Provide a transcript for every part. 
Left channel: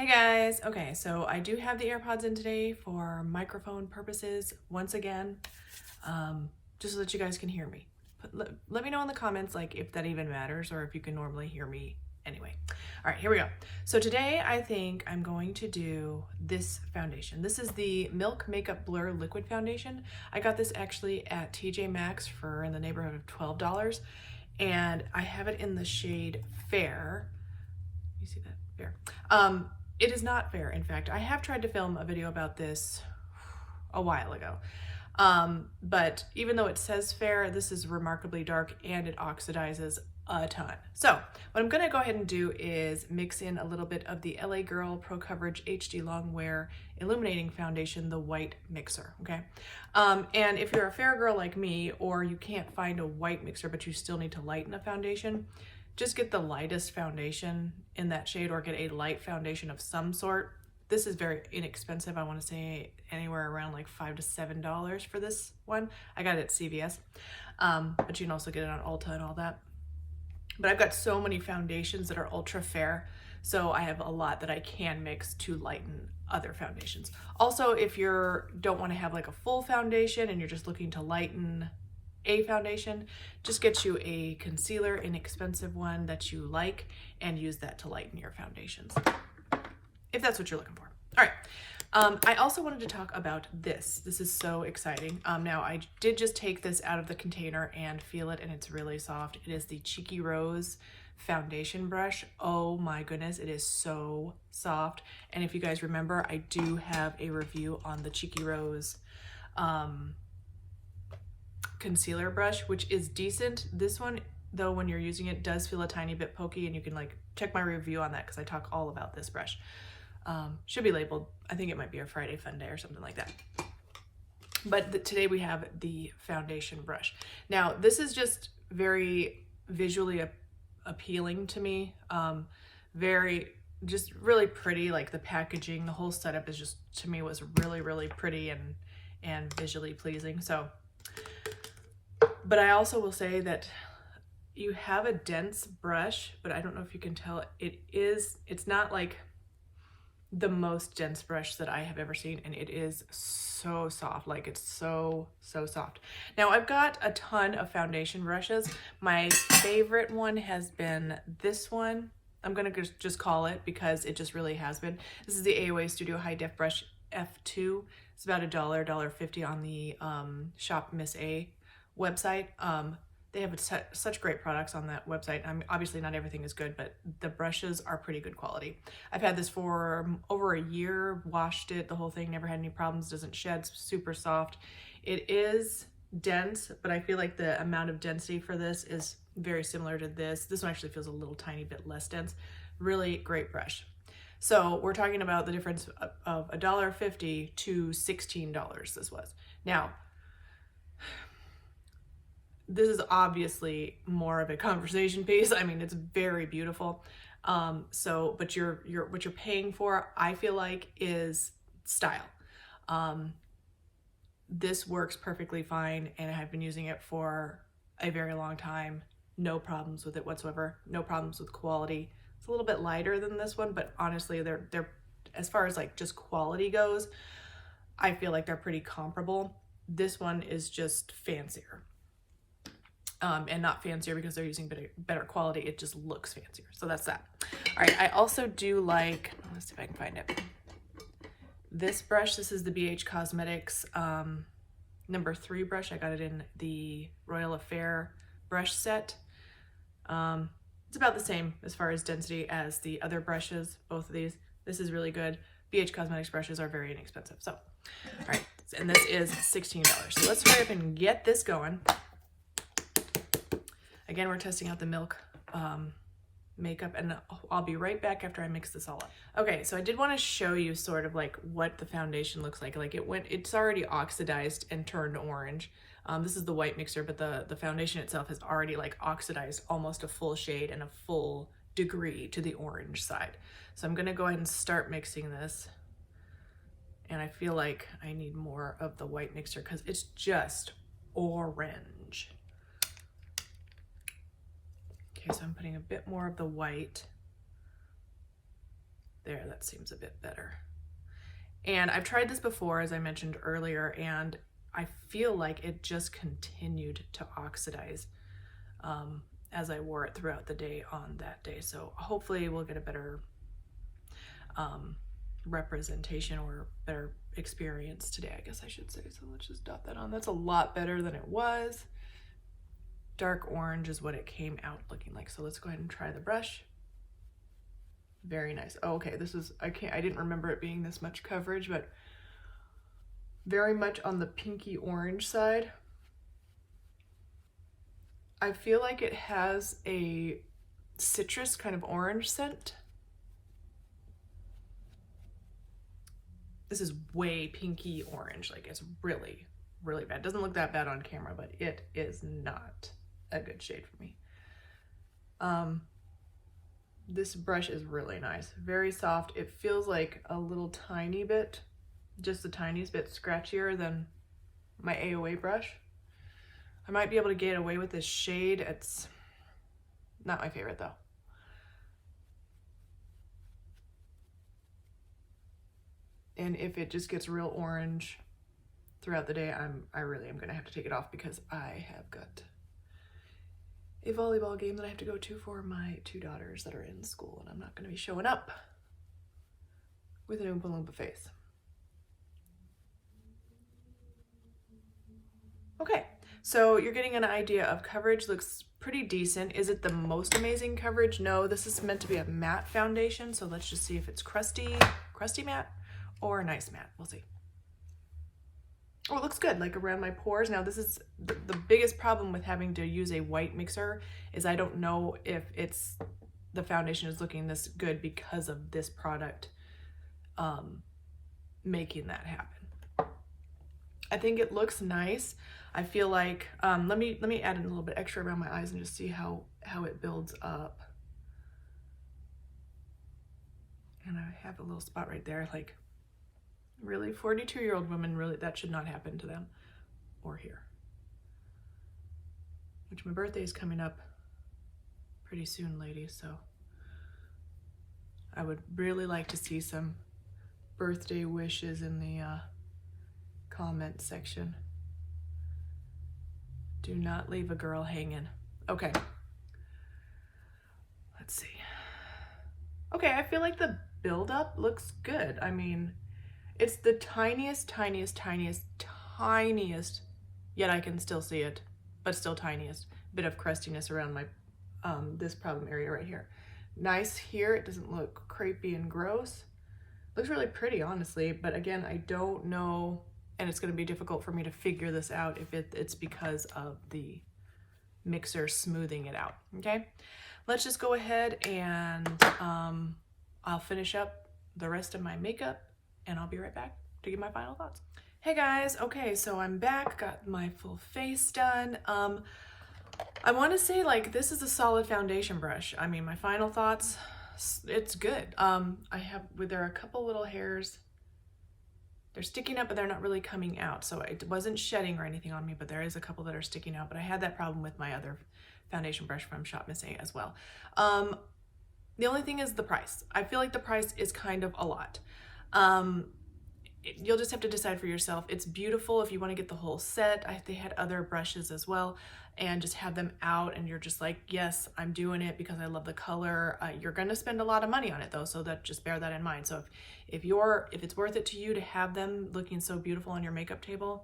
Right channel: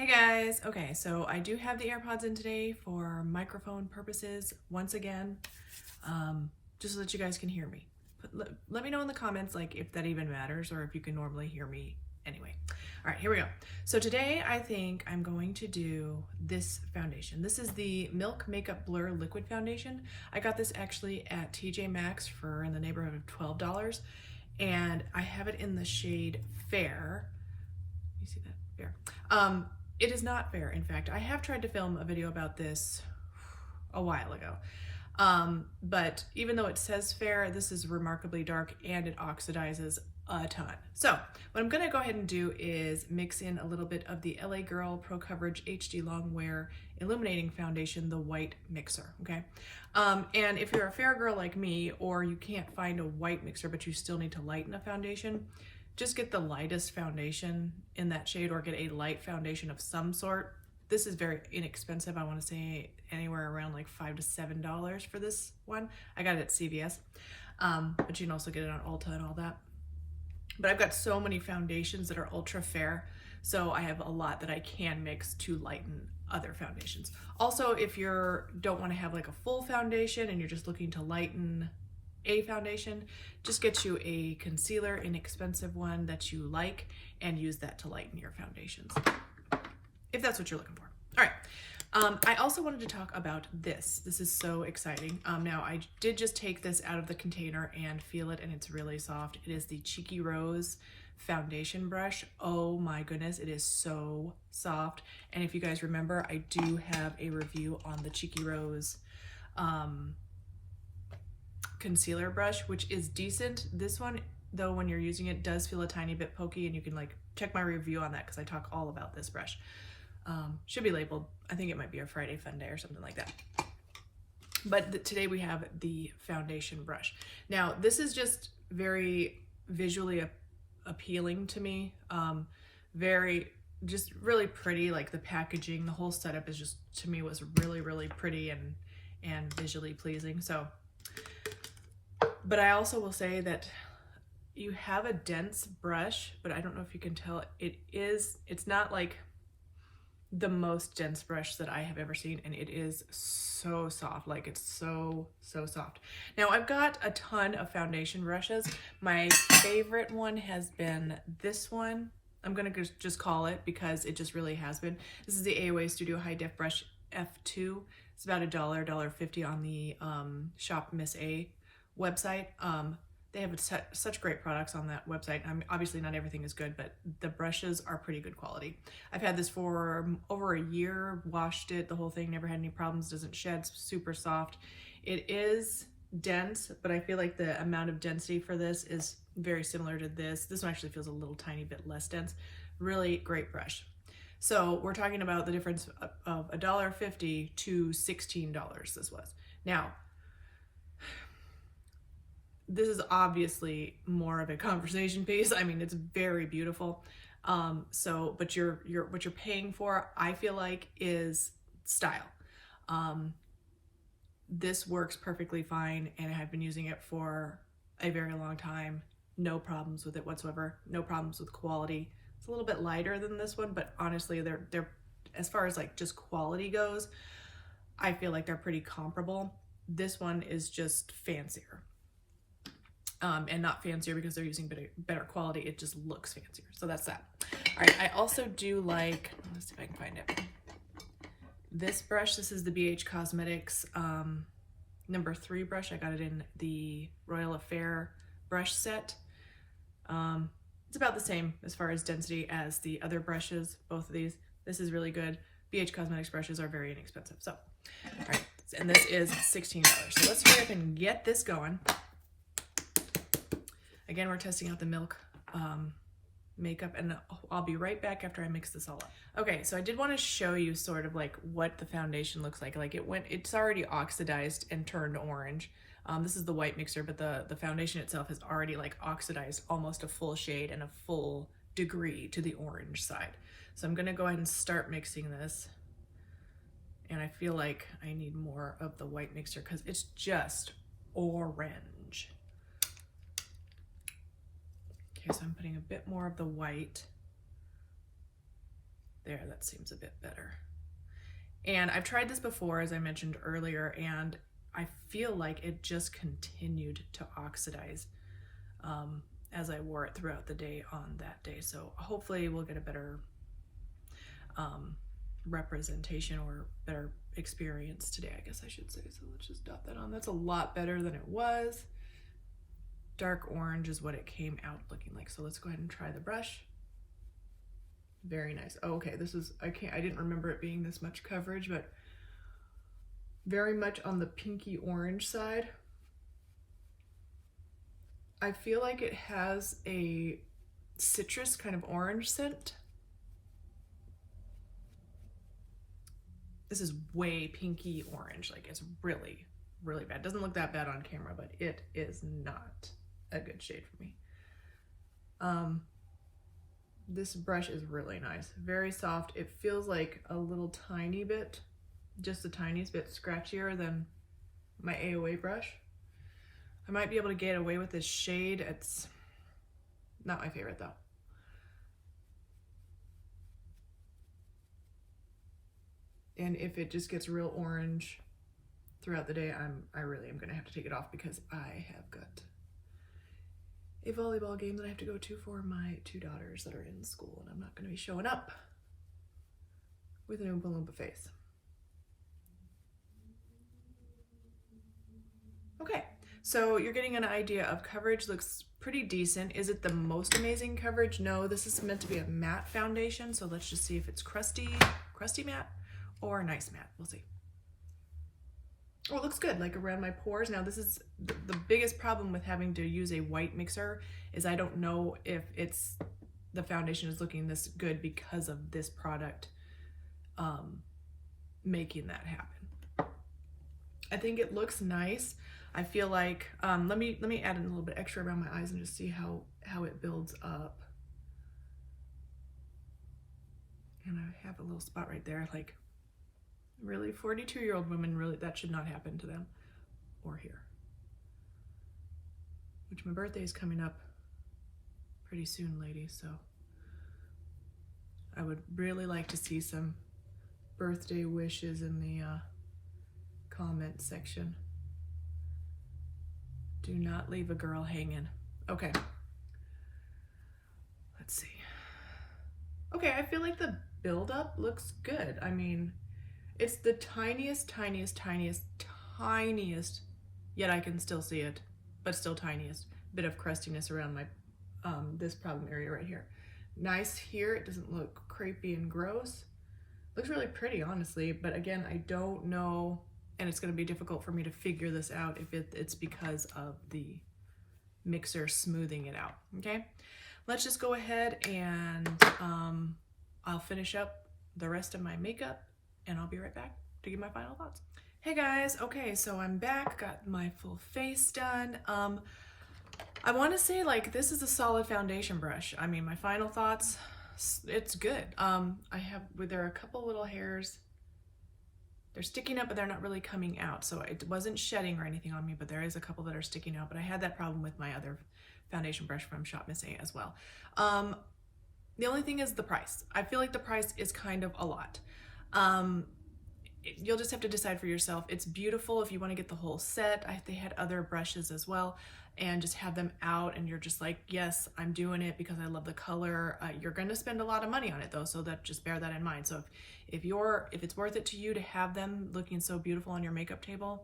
Hey guys, okay, so I do have the AirPods in today for microphone purposes once again, just so that you guys can hear me. Let me know in the comments like if that even matters or if you can normally hear me anyway. All right, here we go. So today I think I'm going to do this foundation. This is the Milk Makeup Blur Liquid Foundation. I got this actually at TJ Maxx for in the neighborhood of $12, and I have it in the shade Fair. You see that? Fair. It is not fair. In fact, I have tried to film a video about this a while ago. But even though it says fair, this is remarkably dark and it oxidizes a ton. So what I'm gonna go ahead and do is mix in a little bit of the LA Girl Pro Coverage HD Longwear Illuminating Foundation, the white mixer, okay? And if you're a fair girl like me, or you can't find a white mixer, but you still need to lighten a foundation, just get the lightest foundation in that shade or get a light foundation of some sort. This is very inexpensive. I want to say anywhere around like $5 to $7 for this one. I got it at CVS, but you can also get it on Ulta and all that. But I've got so many foundations that are ultra fair, so I have a lot that I can mix to lighten other foundations. Also, if you don't want to have like a full foundation and you're just looking to lighten a foundation, just get you a concealer, inexpensive one that you like, and use that to lighten your foundations, if that's what you're looking for. All right. I also wanted to talk about this. This is so exciting. Now I did just take this out of the container and feel it, and it's really soft. It is the Cheeky Rose foundation brush. Oh my goodness, it is so soft. And if you guys remember, I do have a review on the Cheeky Rose concealer brush, which is decent. This one, though, when you're using it, does feel a tiny bit pokey, and you can like check my review on that because I talk all about this brush. Should be labeled. I think it might be a Friday Fun Day or something like that. But today we have the foundation brush. Now this is just very visually appealing to me. Just really pretty. Like the packaging, the whole setup is just, to me, was really pretty and visually pleasing. So, but I also will say that you have a dense brush, but I don't know if you can tell, it's not like the most dense brush that I have ever seen, and it is so soft. Like, it's so soft. Now I've got a ton of foundation brushes. My favorite one has been this one. I'm gonna just call it, because it just really has been. This is the AOA Studio High Def Brush F2. It's about $1.50 on the Shop Miss A website. They have such great products on that website. Obviously not everything is good, but the brushes are pretty good quality. I've had this for over a year, washed it, the whole thing, never had any problems, doesn't shed, super soft. It is dense, but I feel like the amount of density for this is very similar to this. This one actually feels a little tiny bit less dense. Really great brush. So we're talking about the difference of $1.50 to $16 this was. Now, this is obviously more of a conversation piece. I mean, it's very beautiful. But what you're paying for, I feel like, is style. This works perfectly fine, and I've been using it for a very long time. No problems with it whatsoever. No problems with quality. It's a little bit lighter than this one, but honestly, they're as far as like just quality goes, I feel like they're pretty comparable. This one is just fancier. And not fancier because they're using better quality, it just looks fancier. So that's that. All right, I also do like, let's see if I can find it. This brush, this is the BH Cosmetics number 3 brush. I got it in the Royal Affair brush set. It's about the same as far as density as the other brushes, both of these. This is really good. BH Cosmetics brushes are very inexpensive. So, all right, and this is $16. So let's hurry up and get this going. Again, we're testing out the Milk makeup, and I'll be right back after I mix this all up. Okay, so I did want to show you sort of like what the foundation looks like. Like it's already oxidized and turned orange. This is the white mixer, but the foundation itself has already like oxidized almost a full shade and a full degree to the orange side. So I'm gonna go ahead and start mixing this. And I feel like I need more of the white mixer because it's just orange. Okay, so I'm putting a bit more of the white. There, that seems a bit better. And I've tried this before, as I mentioned earlier, and I feel like it just continued to oxidize as I wore it throughout the day on that day. So hopefully we'll get a better representation or better experience today, I guess I should say. So let's just dot that on. That's a lot better than it was. Dark orange is what it came out looking like. So let's go ahead and try the brush. Very nice. Oh, okay, this is, I didn't remember it being this much coverage, but very much on the pinky orange side. I feel like it has a citrus kind of orange scent. This is way pinky orange. Like, it's really, really bad. It doesn't look that bad on camera, but it is not a good shade for me. This brush is really nice, very soft. It feels like a little tiny bit, just the tiniest bit scratchier than my AOA brush. I might be able to get away with this shade. It's not my favorite though. And if it just gets real orange throughout the day, I really am gonna have to take it off because I have got a volleyball game that I have to go to for my 2 daughters that are in school, and I'm not going to be showing up with an Oompa Loompa face. Okay, so you're getting an idea of coverage. Looks pretty decent. Is it the most amazing coverage? No, this is meant to be a matte foundation, so let's just see if it's crusty matte or nice matte. We'll see. Oh, it looks good, like around my pores. Now this is the biggest problem with having to use a white mixer is I don't know if the foundation is looking this good because of this product making that happen. I think it looks nice. I feel like, let me add in a little bit extra around my eyes and just see how it builds up. And I have a little spot right there, like, really, 42-year-old women, really, that should not happen to them or here. Which my birthday is coming up pretty soon, ladies, so I would really like to see some birthday wishes in the comment section. Do not leave a girl hanging. Okay. Let's see. Okay, I feel like the buildup looks good. I mean, it's the tiniest, yet I can still see it, but still tiniest bit of crustiness around my, this problem area right here. Nice here, it doesn't look crepey and gross. Looks really pretty, honestly, but again, I don't know, and it's gonna be difficult for me to figure this out if it's because of the mixer smoothing it out, okay? Let's just go ahead and I'll finish up the rest of my makeup and I'll be right back to give my final thoughts. Hey guys, okay, so I'm back, got my full face done. I want to say, like, this is a solid foundation brush. I mean, my final thoughts, it's good. There are a couple little hairs. They're sticking up, but they're not really coming out. So it wasn't shedding or anything on me, but there is a couple that are sticking out. But I had that problem with my other foundation brush from Shop Miss A as well. The only thing is the price. I feel like the price is kind of a lot. You'll just have to decide for yourself. It's beautiful if you want to get the whole set. They had other brushes as well, and just have them out and you're just like, yes, I'm doing it because I love the color. You're going to spend a lot of money on it though, so that just bear that in mind. So if it's worth it to you to have them looking so beautiful on your makeup table,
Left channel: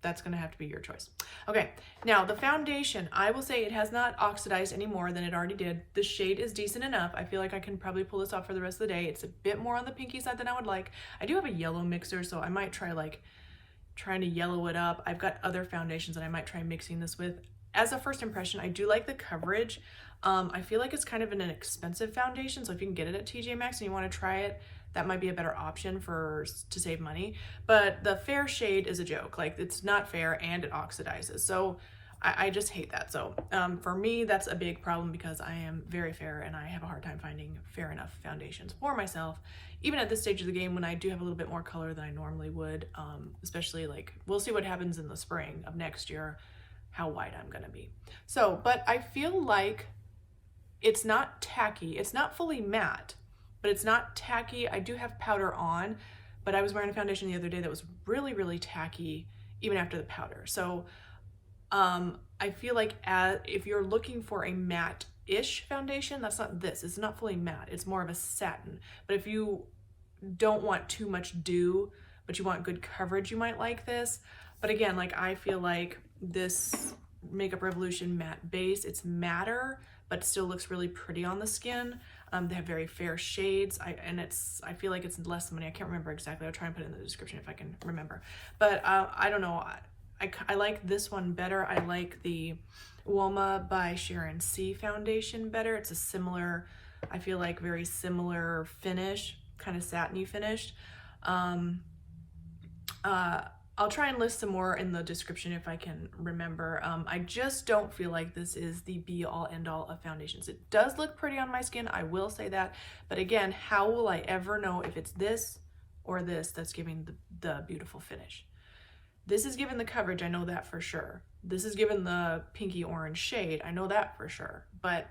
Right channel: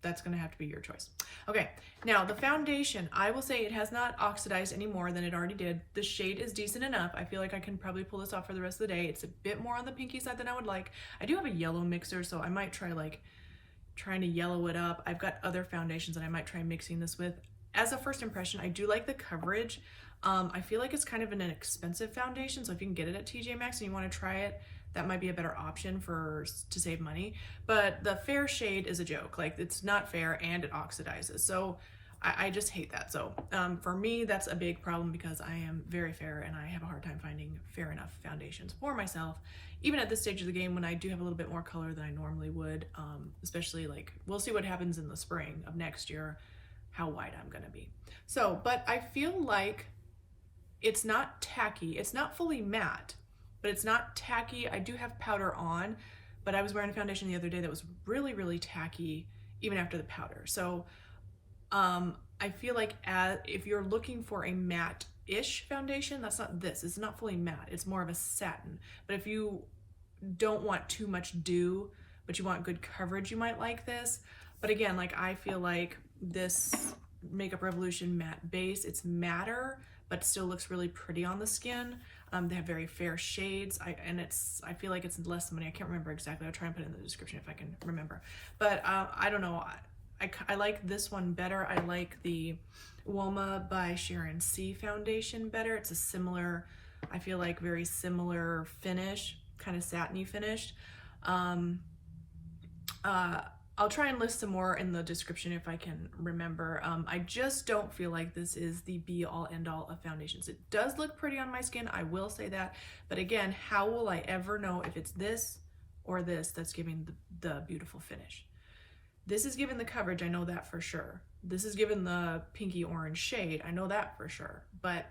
that's going to have to be your choice. Okay, now the foundation, I will say it has not oxidized any more than it already did. The shade is decent enough. I feel like I can probably pull this off for the rest of the day. It's a bit more on the pinky side than I would like. I do have a yellow mixer, so I might try like trying to yellow it up. I've got other foundations that I might try mixing this with. As a first impression, I do like the coverage. I feel like it's kind of an expensive foundation, so if you can get it at TJ Maxx and you want to try it, that might be a better option to save money. But the fair shade is a joke. Like, it's not fair and it oxidizes. So I just hate that. So for me, that's a big problem because I am very fair and I have a hard time finding fair enough foundations for myself, even at this stage of the game when I do have a little bit more color than I normally would, especially like, we'll see what happens in the spring of next year, how white I'm gonna be. So, but I feel like it's not tacky, it's not fully matte, but it's not tacky. I do have powder on, but I was wearing a foundation the other day that was really, really tacky even after the powder. So I feel like if you're looking for a matte-ish foundation, that's not this. It's not fully matte. It's more of a satin. But if you don't want too much dew, but you want good coverage, you might like this. But again, like I feel like this Makeup Revolution matte base, it's matter, but still looks really pretty on the skin. They have very fair shades, I feel like it's less money. I can't remember exactly. I'll try and put it in the description if I can remember. But I don't know. I like this one better. I like the Uoma by Sharon C foundation better. It's a similar, I feel like very similar finish, kind of satiny finish. I'll try and list some more in the description if I can remember. I just don't feel like this is the be all end all of foundations. It does look pretty on my skin, I will say that. But again, how will I ever know if it's this or this that's giving the beautiful finish? This is giving the coverage, I know that for sure. This is giving the pinky orange shade, I know that for sure. But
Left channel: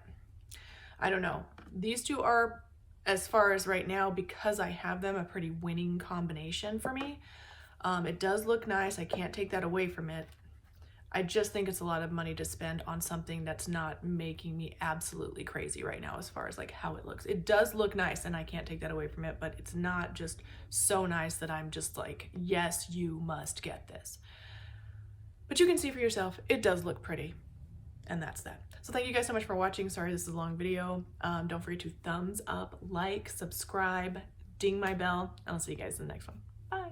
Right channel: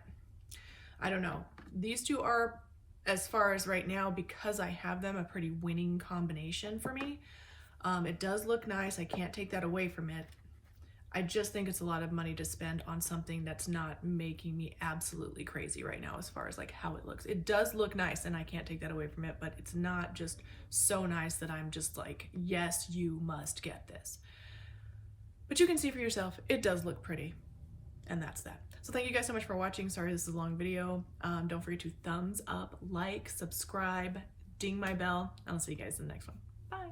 I don't know. These two are, as far as right now, because I have them, a pretty winning combination for me. It does look nice. I can't take that away from it. I just think it's a lot of money to spend on something that's not making me absolutely crazy right now as far as like how it looks. It does look nice and I can't take that away from it, but it's not just so nice that I'm just like, yes, you must get this. But you can see for yourself, it does look pretty. And that's that. So thank you guys so much for watching. Sorry this is a long video. Don't forget to thumbs up, like, subscribe, ding my bell, and I'll see you guys in the next one. Bye.